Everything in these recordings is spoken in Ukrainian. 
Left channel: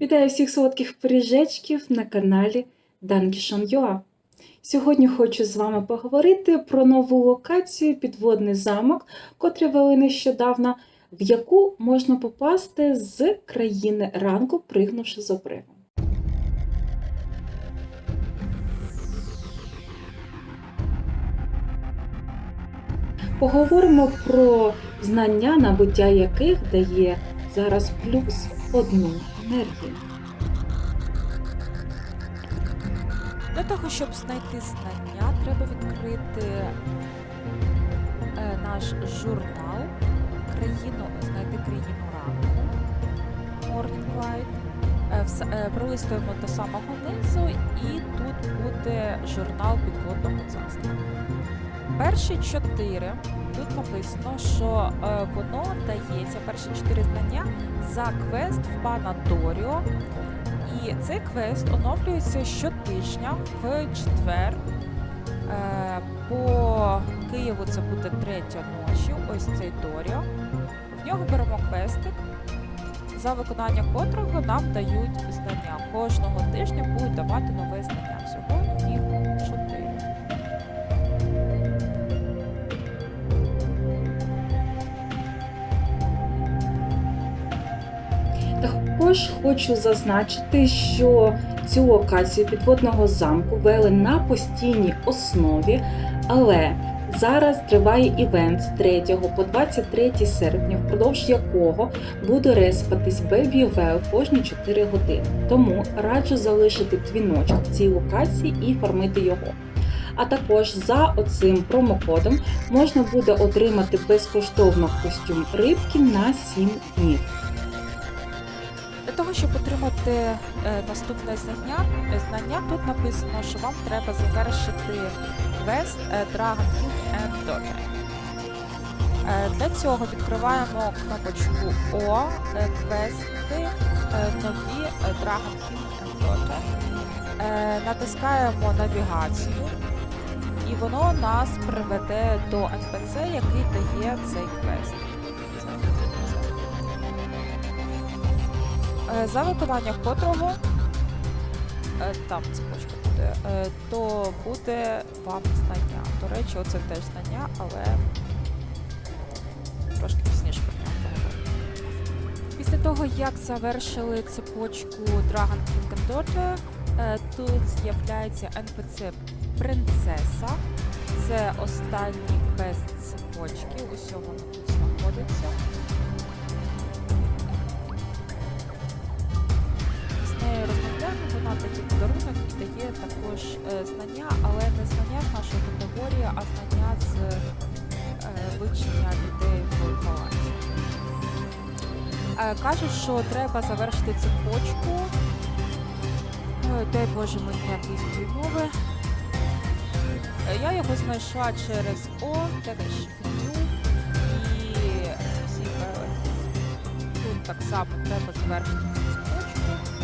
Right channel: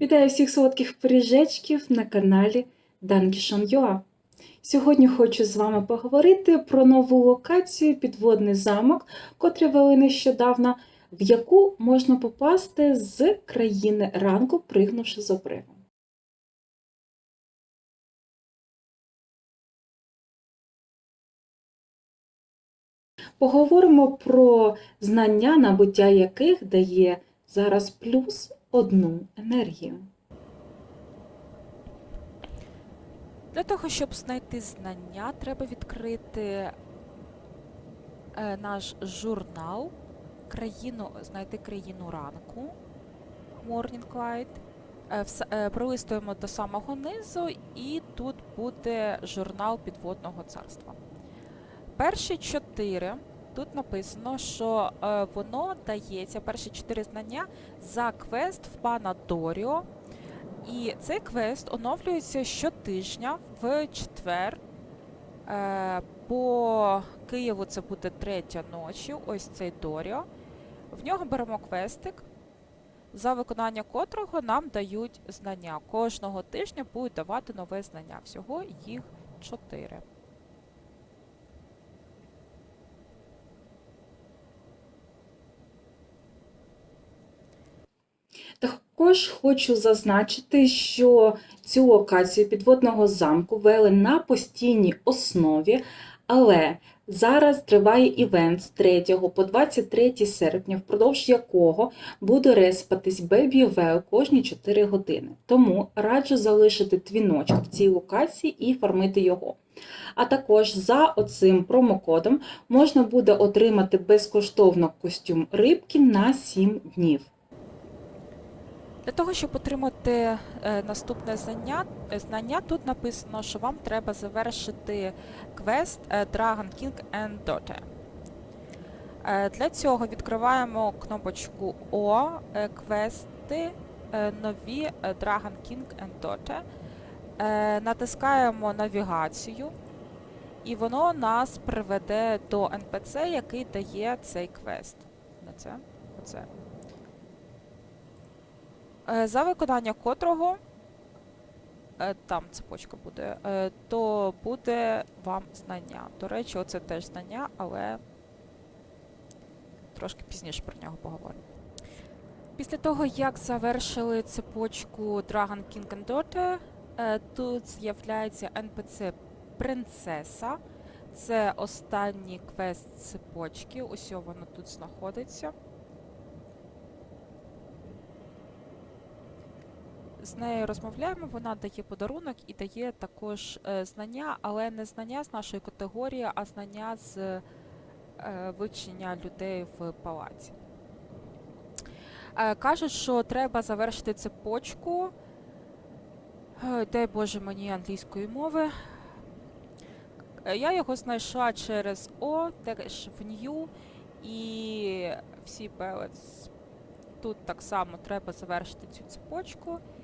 Вітаю всіх солодких пиріжечків на каналі Dankishon.ua. Сьогодні хочу з вами поговорити про нову локацію Підводний замок, котрі вели нещодавно, в яку можна попасти з країни ранку, пригнувши з обриву. Поговоримо про знання, набуття яких дає зараз плюс одну енергію. Для того, щоб знайти знання, треба відкрити е, наш журнал, країну, знайти країну ранку Morning Light. Е, е, Пролистуємо до самого низу, і тут буде журнал підводного царства. Перші чотири тут написано, що е, воно дається перші чотири знання за квест в пана Доріо. І цей квест оновлюється щотижня в четвер. Е, по Києву це буде третя ночі. Ось цей Доріо. В нього беремо квестик, за виконання котрого нам дають знання. Кожного тижня будуть давати нове знання. Всього їх чотири. Також хочу зазначити, що цю локацію підводного замку вели на постійній основі, але зараз триває івент з 3 по 23 серпня, впродовж якого буде респатись Well кожні 4 години. Тому раджу залишити дзвіночок в цій локації і фармити його. А також за оцим промокодом можна буде отримати безкоштовно костюм рибки на 7 днів. Для того, щоб отримати е, наступне знання, е, знання, тут написано, що вам треба завершити квест е, Dragon King and Daughter. Для цього відкриваємо кнопочку О, квести, нові Dragon King and Daughter. Натискаємо навігацію, і воно нас приведе до NPC, який дає цей квест. Це, За виконання котрого е, там цепочка буде, е, то буде вам знання. До речі, оце теж знання, але трошки пізніше про нього поговоримо. Після того, як завершили цепочку Dragon King and Daughter, е, тут з'являється NPC Принцеса. Це останній квест цепочки. Усьо воно тут знаходиться. Нею розмовляємо, вона дає подарунок і дає також е, знання, але не знання з нашої категорії, а знання з е, вивчення людей в палаці. Е, кажуть, що треба завершити цепочку. Дай Боже мені англійської мови. Я його знайшла через О, теж в New і всі пелець. Тут так само треба завершити цю цепочку.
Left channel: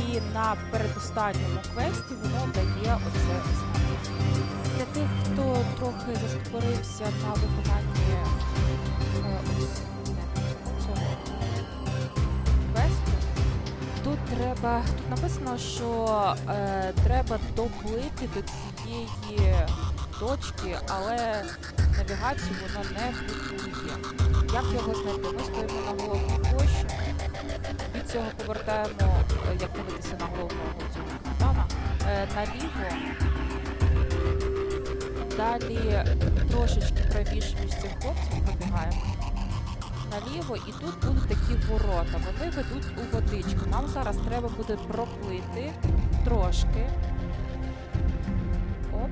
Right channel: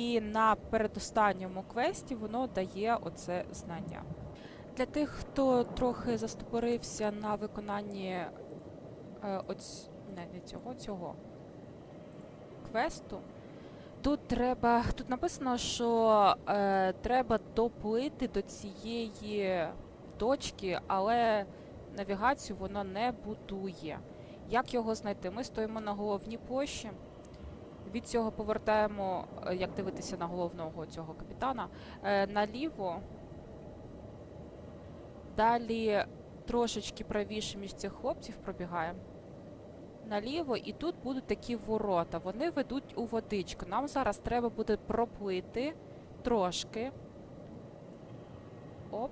І на передостанньому квесті воно дає оце знання. Для тих, хто трохи застопорився на виконанні е, ось не цього цього квесту, тут треба. Тут написано, що е, треба доплити до цієї точки, але навігацію воно не будує. Як його знайти? Ми стоїмо на головній площі. Від цього повертаємо, е, як дивитися на головного цього капітана, е, наліво. Далі трошечки правіше між цих хлопців пробігаємо. Наліво, і тут будуть такі ворота. Вони ведуть у водичку. Нам зараз треба буде проплити трошки. Оп.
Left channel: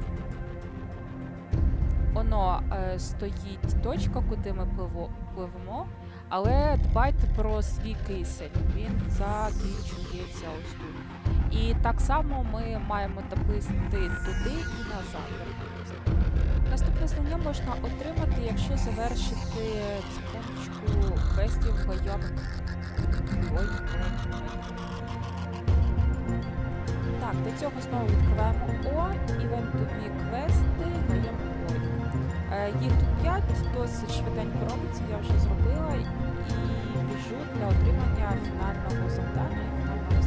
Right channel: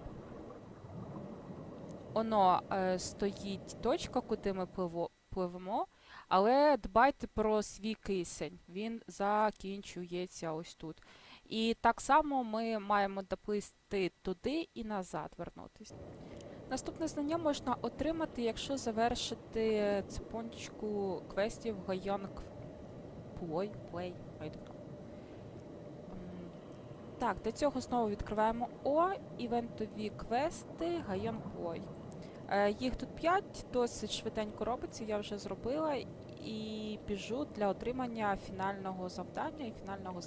Оно е, стоїть точка, куди ми пливо, пливемо. Але дбайте про свій кисень, він закінчується ось тут. І так само ми маємо доплисти туди і назад вернутися. Наступне знання можна отримати, якщо завершити цепочку квестів Гайон Ой. Так, до цього знову відкриваємо О, івентові квести Гайон Ой. Е, Їх тут 5, досить швиденько робиться, я вже зробила і біжу для отримання фінального завдання і фінального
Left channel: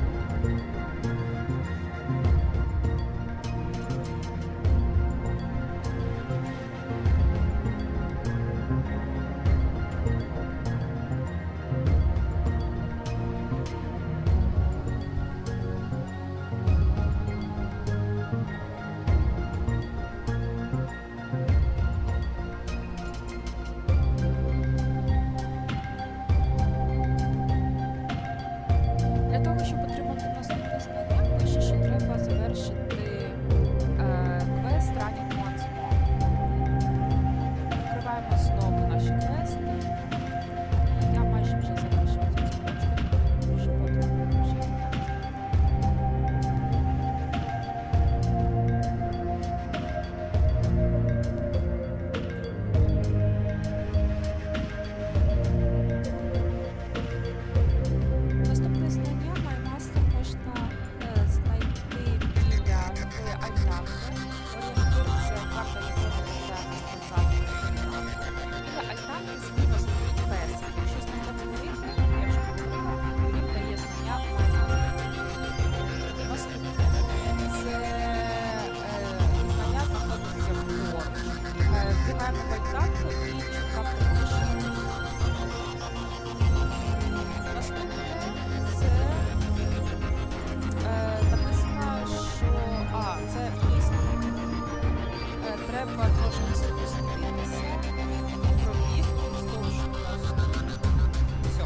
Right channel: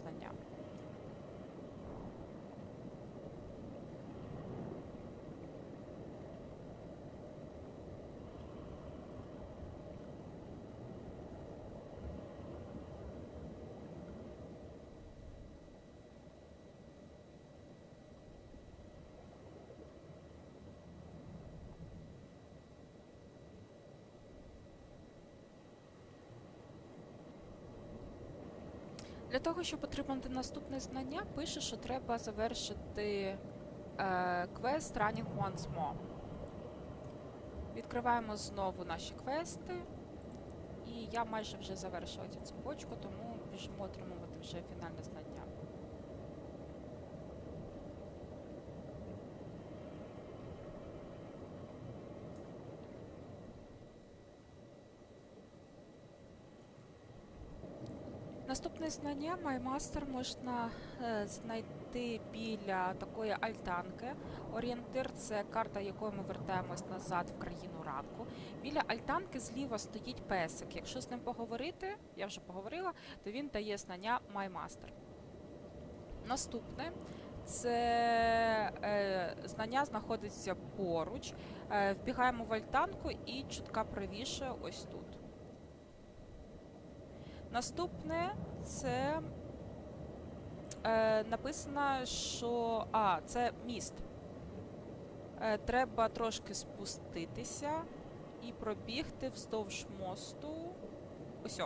Для того, щоб отримати наступне знання, пише, що треба завершити е, квест Once More. Відкриваємо знову наші квести. І я майже вже завершила можна е, знайти біля такої альтанки. Орієнтир це карта, якою ми повертаємось назад в. Біля альтанки зліва стоїть песик. Якщо з ним поговорити, я вже поговорила, то він дає знання MyMaster. Наступне це е, знання знаходиться поруч. Е, вбігаємо в альтанку і чутка правіше. Наступне це е, написано, що а, це міст. Е, треба трошки спуститися і пробігти вздовж мосту. Все.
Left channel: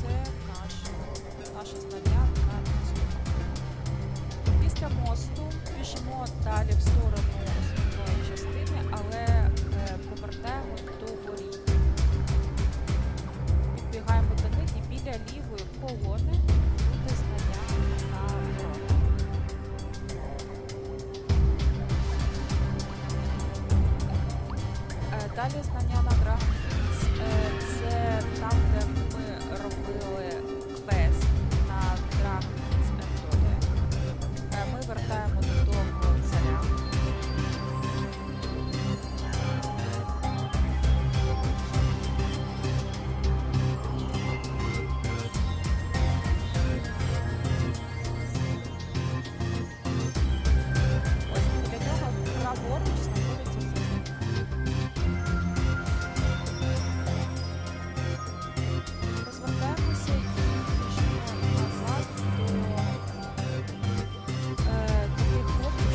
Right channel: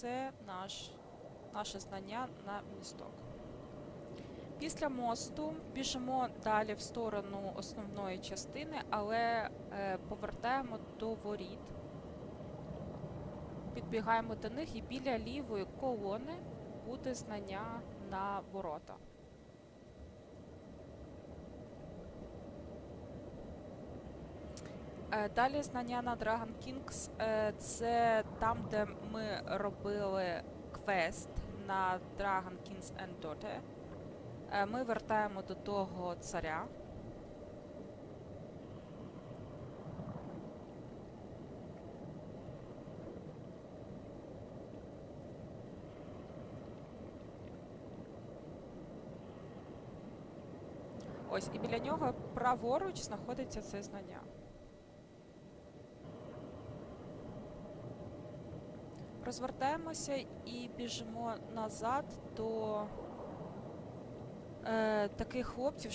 Це наш, наше знання на місту. Після мосту біжимо далі в сторону основної частини, але е, повертаємо до воріт підбігаємо до них і біля лівої колони знання на ворота. Е, Далі знання на Dragon Kings е, це там, де ми робили квест на Dragon Kings and Е, Ми вертаємо до того царя.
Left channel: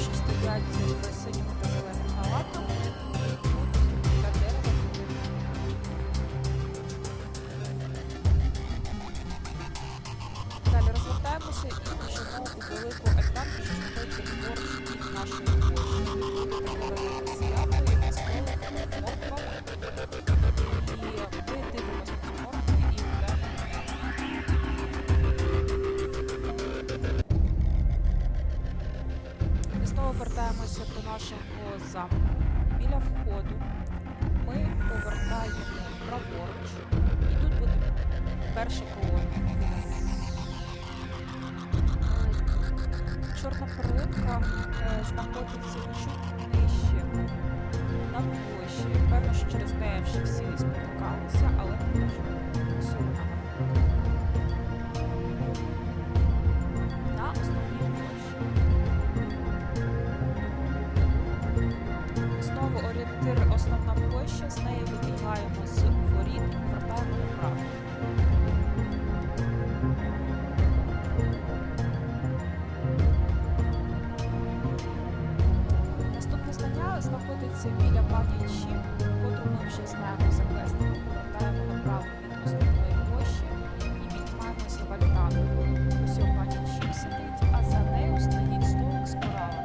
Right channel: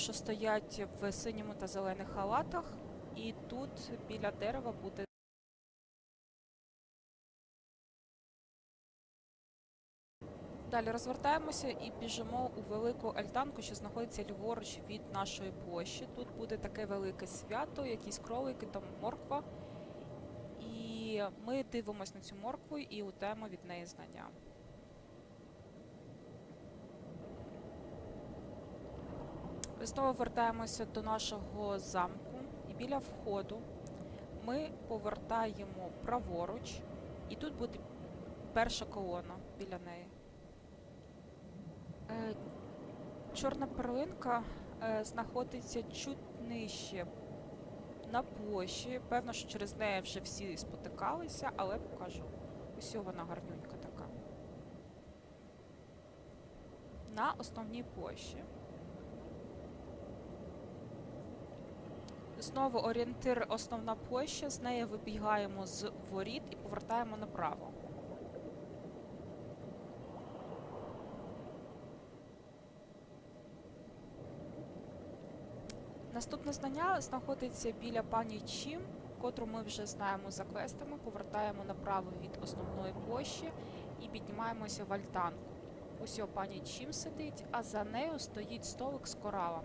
Що стоять в синьому та зелених халатах. І тут біля дерева буде Далі розвертаємося і біжимо у велику альтанку, що знаходиться ліворуч від нашої площі. Тут буде таке велике свято, якісь кролики та морква. І ми дивимося на цю знову вертаємося до нашого замку. Біля входу ми повертаємо праворуч, і тут буде перша колона біля неї. Е, Чорна перлинка е, знаходиться чуть нижче на площі. Певно, що через неї вже всі спотикалися, але покажу. Всього вона Знову орієнтир основна площа, з неї вибігаємо з воріт і повертаємо направо. Наступне знання знаходиться біля пані Чі, котру ми вже знаємо за квестами. Повертаємо направо від основної площі і піднімаємося в альтанку. Ось пані Чім сидить, а за нею стоїть столик з коралами.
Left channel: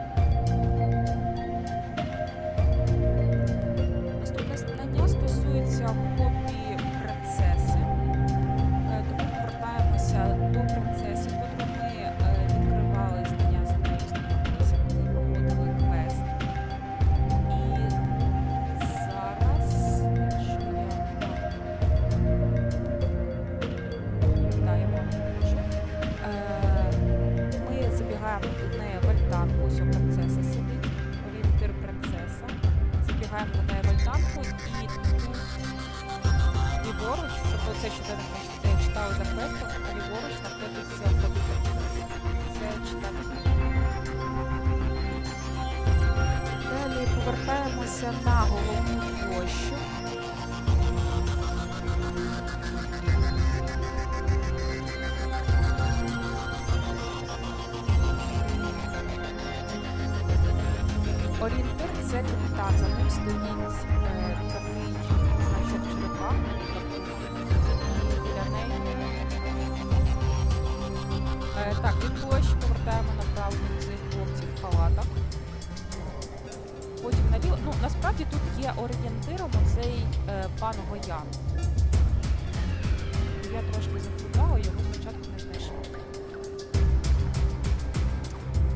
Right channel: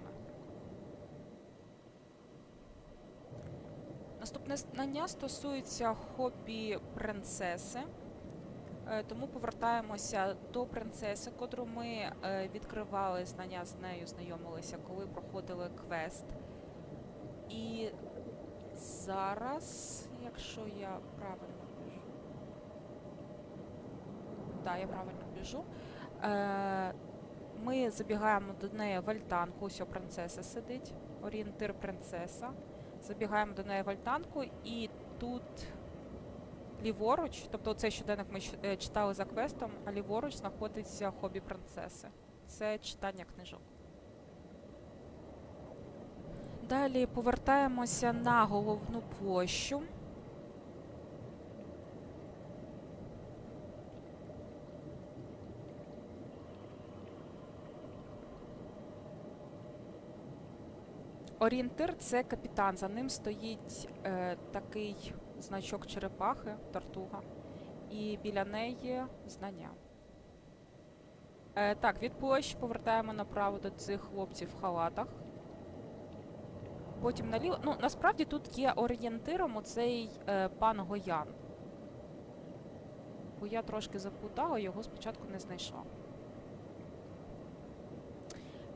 Знання стосується хобі принцеси. Е, Тому повертаємося до принцеси, котру ми е, відкривали знання з нею, знайомилися, коли проходили квест. І зараз, якщо я да, я правильно кажу, ми забігаємо до неї в альтанку, ось принцеса сидить, орієнтир принцеса. Забігаємо до неї в альтанку і тут ліворуч, тобто цей щоденник ми е, читали за квестом, а ліворуч знаходиться хобі принцеси. Це читання. Далі повертаємося на головну площу. Орієнтир це капітан. За ним стоїть е, такий значок черепахи Тартуга. І біля неї. Е, так, від площі повертаємо направо до цих хлопців в халатах. Потім наліво. Ну, насправді тут є орієнтиром оцей е, пан Гоян. Я трошки заплутала, його спочатку не знайшла.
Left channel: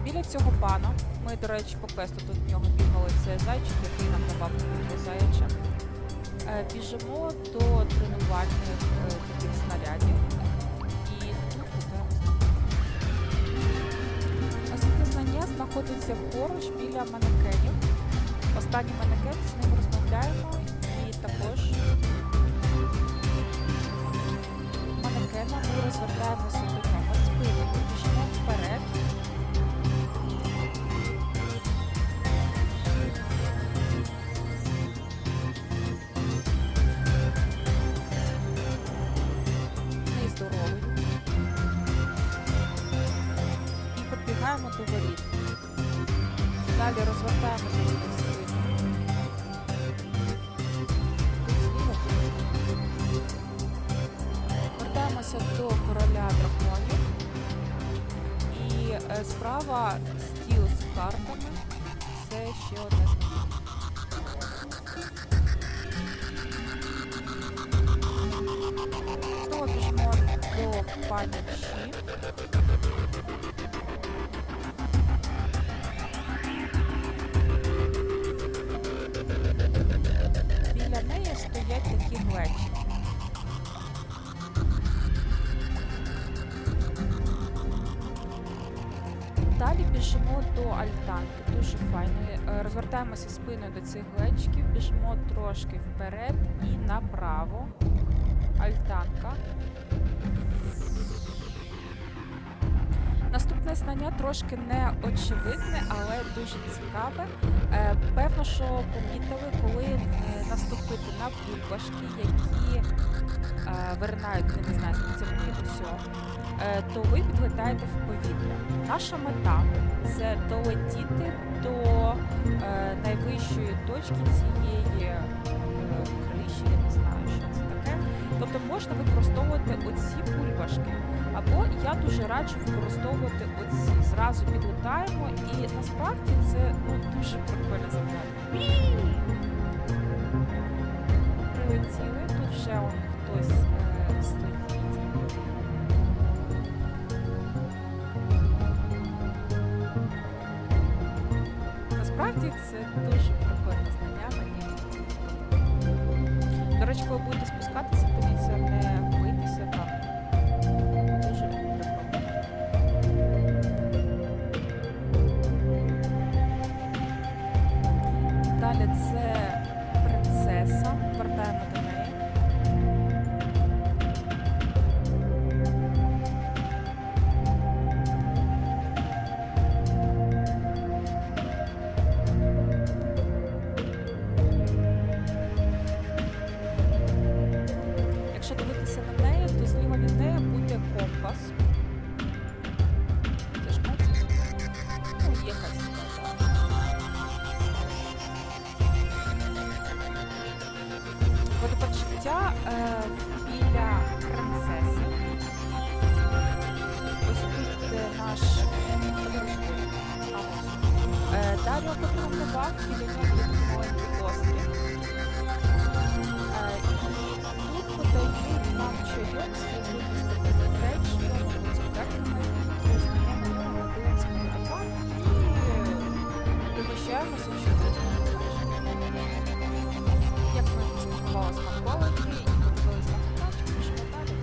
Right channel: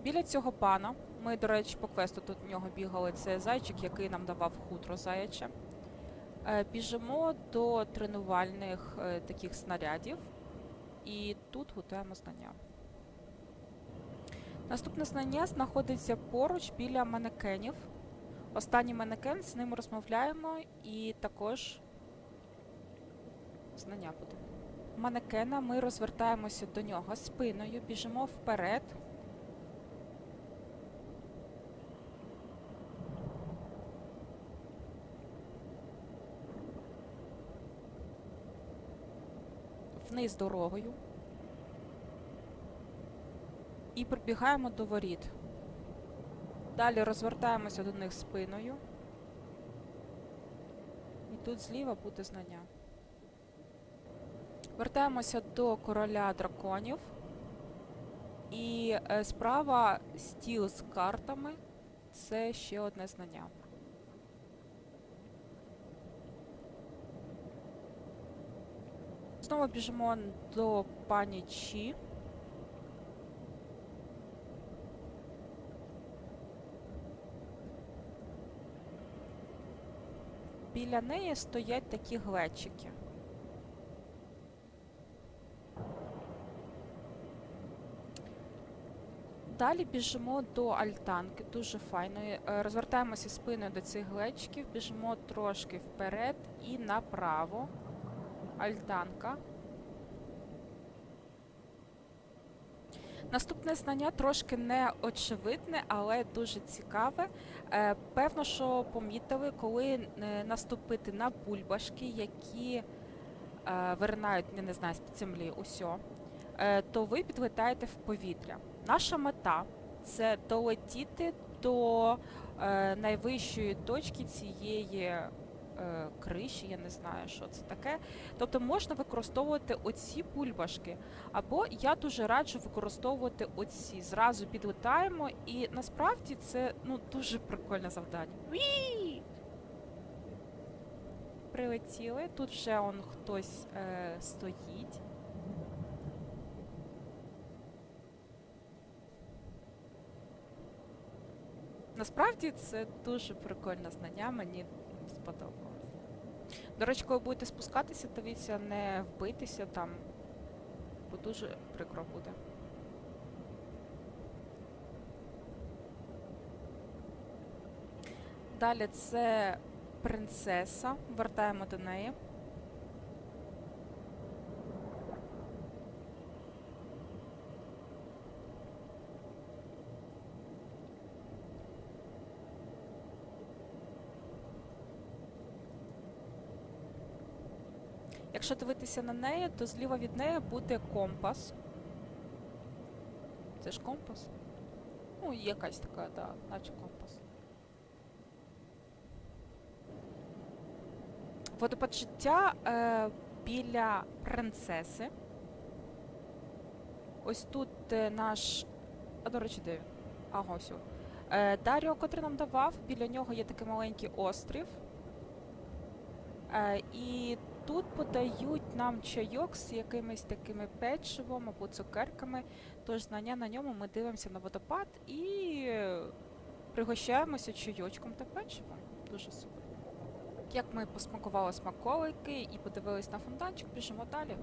Біля цього пана, ми, до речі, по квесту тут в нього бігали, це зайчик, який нам давав хутро заяче. Біжимо до тренувальних е, таких снарядів. І тут готуємо знання. Наступне знання знаходиться поруч біля манекенів. Останній манекен, з ним розмовляємо і також манекена ми розвертаємося до нього спиною, біжимо вперед. Вниз дорогою. І пробігаємо до воріт. Далі розвертаємося до них спиною. Тут зліва знак. Вертаємося до короля драконів. І е, справа стіл з картами. Це ще одне знання. Знову біжимо до пані Чі. Біля неї стоять такі глечики. Далі біжимо до альтанки, дуже файної. Е, Розвертаємося спиною до цих глечиків, біжимо трошки вперед і направо. Альтанка. Наступне знання трошки неочевидне, але дуже цікаве. Е, певно, що помітили, коли е, наступити на бульбашки, які е, виринають, не знаю, з землі усьо, е, то ви підлетаєте в повітря. Наша мета це долетіти до найвищої точки цієї криші, я не знаю, що це таке. Тобто можна використовувати оці бульбашки. Або я дуже раджу використовувати оці. Зразу підлетаємо, і насправді це ну дуже прикольне завдання. Прилетіли. Тут вже он хтось е, стоїть. Насправді це дуже прикольне знання, мені. До речі, коли будете спускатися, дивіться, не вбитися там. Бо дуже прикро. Далі це принцеса. Вертаємо до Компас? Ну, є якась така. Водопочуття е, біля принцеси. Ось тут е, наш. А, До речі, де? А, ось. Е, Даріо, котрий нам давав, біля нього є такий маленький острів. І тут подають нам чайок з якимись такими печивом або цукерками. Тож на ньому ми дивимося на водопад і пригощаємося чудосним. Як ми спакували смаколики і подивились на фонтанчик, пішемо далі.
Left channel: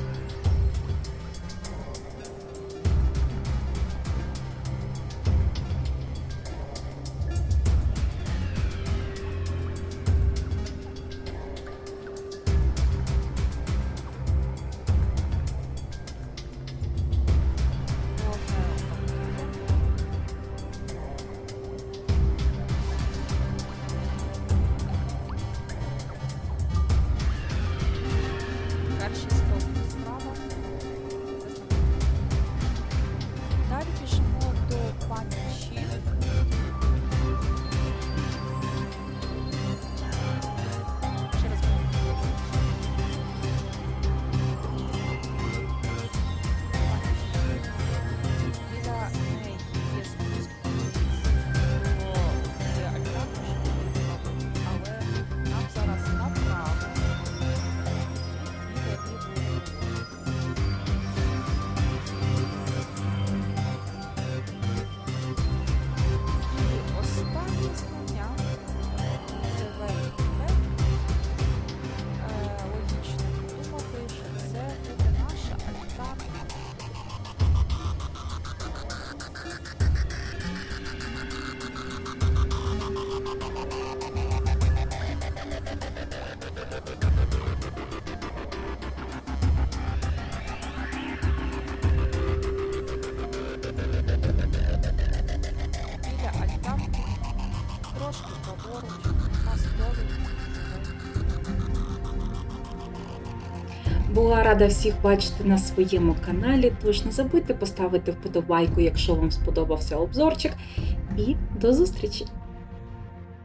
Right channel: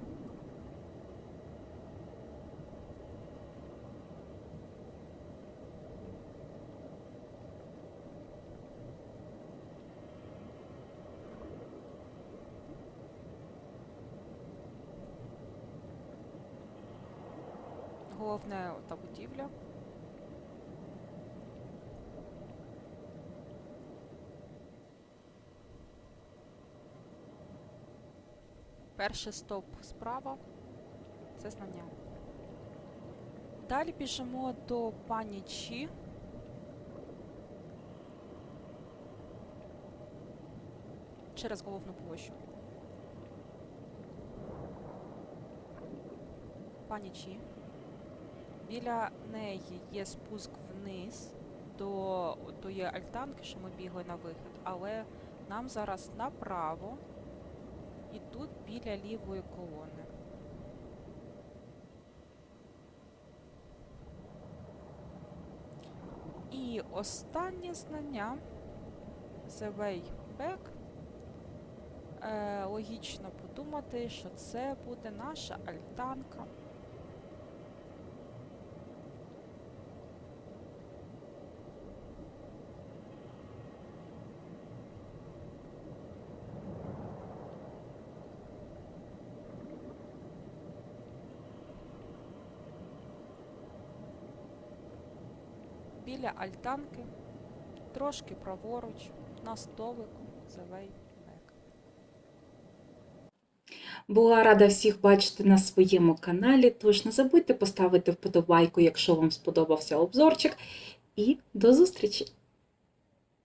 Перший стовп справа. Це знамено. Далі біжимо до пані Чі. Через площу. Пані Чі. біля неї є спуск вниз до альтанки, на вихід, але нам зараз направо тут біля. І останнє знання це вейкбек. Е, логічно подумати, що це буде наша альтанка. Трошки праворуч, на столик, зелень. Була рада всіх бачити на своєму каналі. Тож не забудьте поставити вподобайку, якщо вам сподобався обзорчик. І до зустрічі!